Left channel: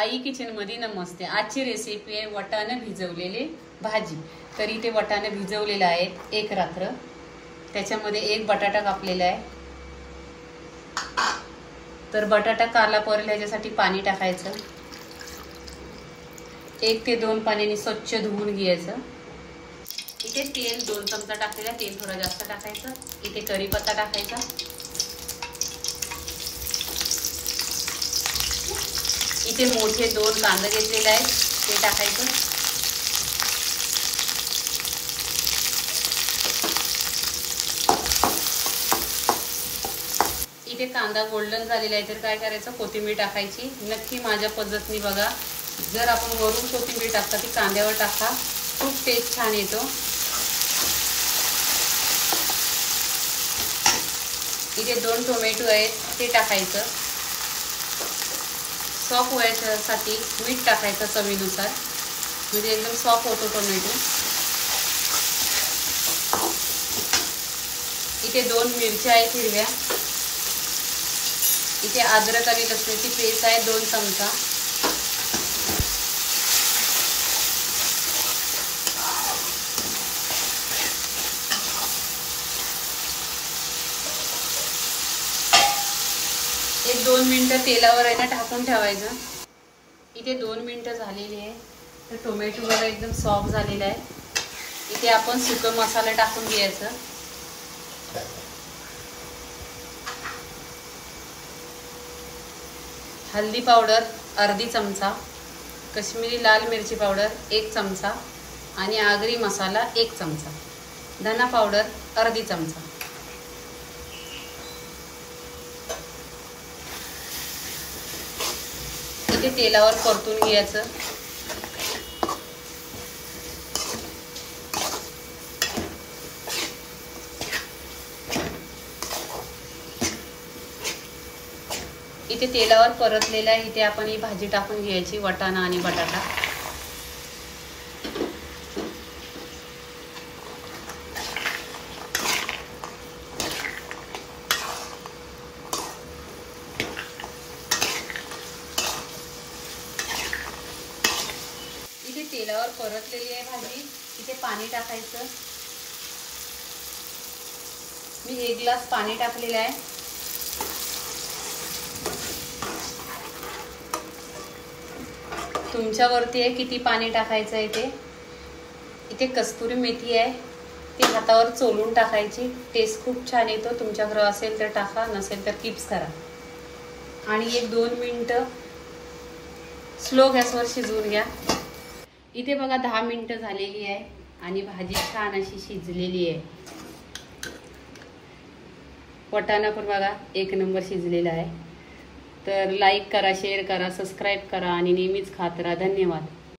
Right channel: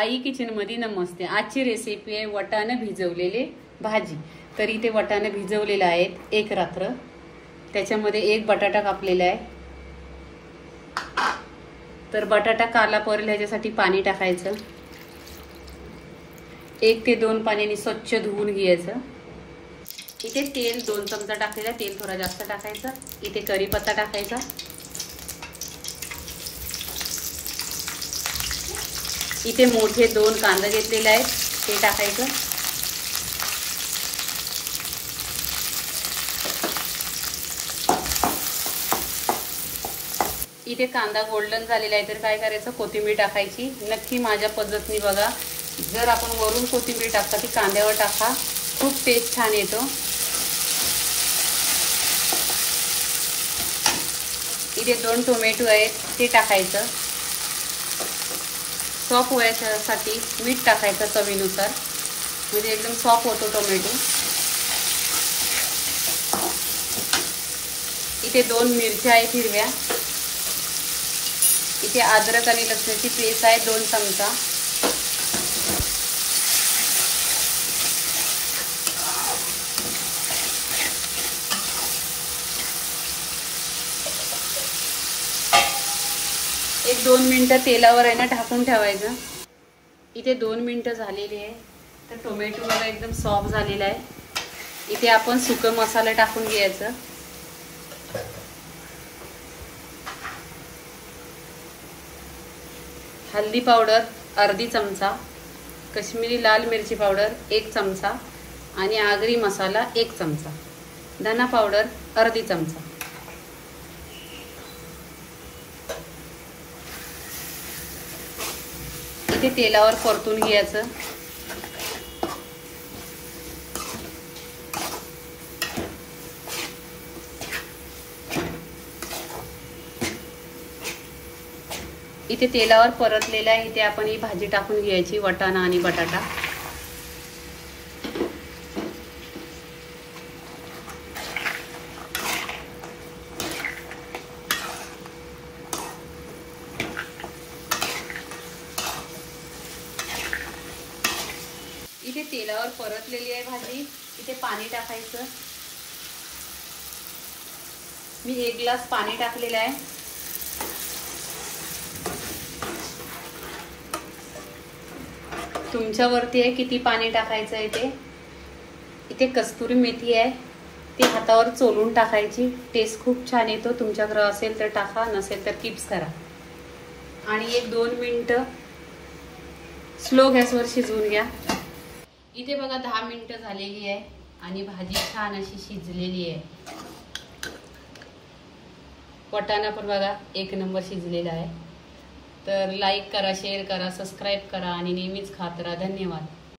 आई kitchen मध्ये नमस्ते। आजची recipe आहे वटाणे भिजवलेले भाजी। तर इथे वटाणे भिजवलेले आहेत एक रात्र, त्याच्यामध्ये एक बटाटा कापलेला आहे। तर बटाटा काला परेल याच्यासाठी पाणी टाकायचं, 1 ते 2 पाण्याने स्वच्छ धुवून घ्यायचं। इथे तेल 2 चमचा टाकलेला, तेल थोडा जास्त टाकायचं। इथे कढीपत्ता टाकायचा, इथे मोठे 2 कांदा घेतलेले आहेत ते टाकायचं। इथे कांदा गोल्डन झालेला आहे, तर काय करायचं, कोथिंबीर टाकायची। नक्की माझ्या पद्धतीने बघा, जर आपण वरून कोथिंबीर टाकता ती कांद्यावर टाका, खूप टेस्ट छान येतो। इथे 2 टोमॅटो आहेत ते टाकायचं। सॉफ्ट व्हायसाठी मीठ टाकायचं चवीनुसार, म्हणजे एकदम सॉफ्ट होतो टोमॅटो। इथे 2 मिरच्या आहेत हिरव्या, इथे अद्रक आणि लसूणची पेस्ट आहे 2 चमचा। एक 2 मिनिटं तेलावर आहे ना ढाकून ठेवायचं। इथे 2 मिनिटं झालेली आहे, तर टोमॅटो बघा एकदम सॉफ्ट झालेला आहे। इथे आपण सुका मसाला टाकून घ्यायचं। हल्दी पावडर अर्धी चमचा, काश्मीरी लाल मिरची पावडर 1 चमचा आणि आगरी मसाला 1 चमचा, धना पावडर अर्धी चमचा। इथे तेलावर परतून घ्यायचं। इथे तेलावर परतलेला आहे, इथे आपण ही भाजी टाकून घ्यायची, वटाणा आणि बटाटा। इथे तेलावर परतलेली आहे भाजी, इथे पाणी टाकायचं। मी 1 ग्लास पाणी टाकलेलं आहे। तुमच्यावरती आहे किती पाणी टाकायचं आहे ते। इथे कस्तुरी मेथी आहे, ती हातावर चोलून टाकायची, टेस्ट खूप छान येतो। तुमच्याकडे असेल तर टाका, नसेल तर किप्स करा। आणि 1-2 मिनिटं स्लो गॅसवर शिजवून घ्या। इथे बघा 10 मिनिटं झालेली आहे आणि भाजी छान अशी शिजलेली आहे। वटाणा पण बघा 1 नंबर शिजलेला आहे। तर लाईक करा, शेअर करा, सबस्क्राईब करा आणि नेहमीच खात राहा। धन्यवाद।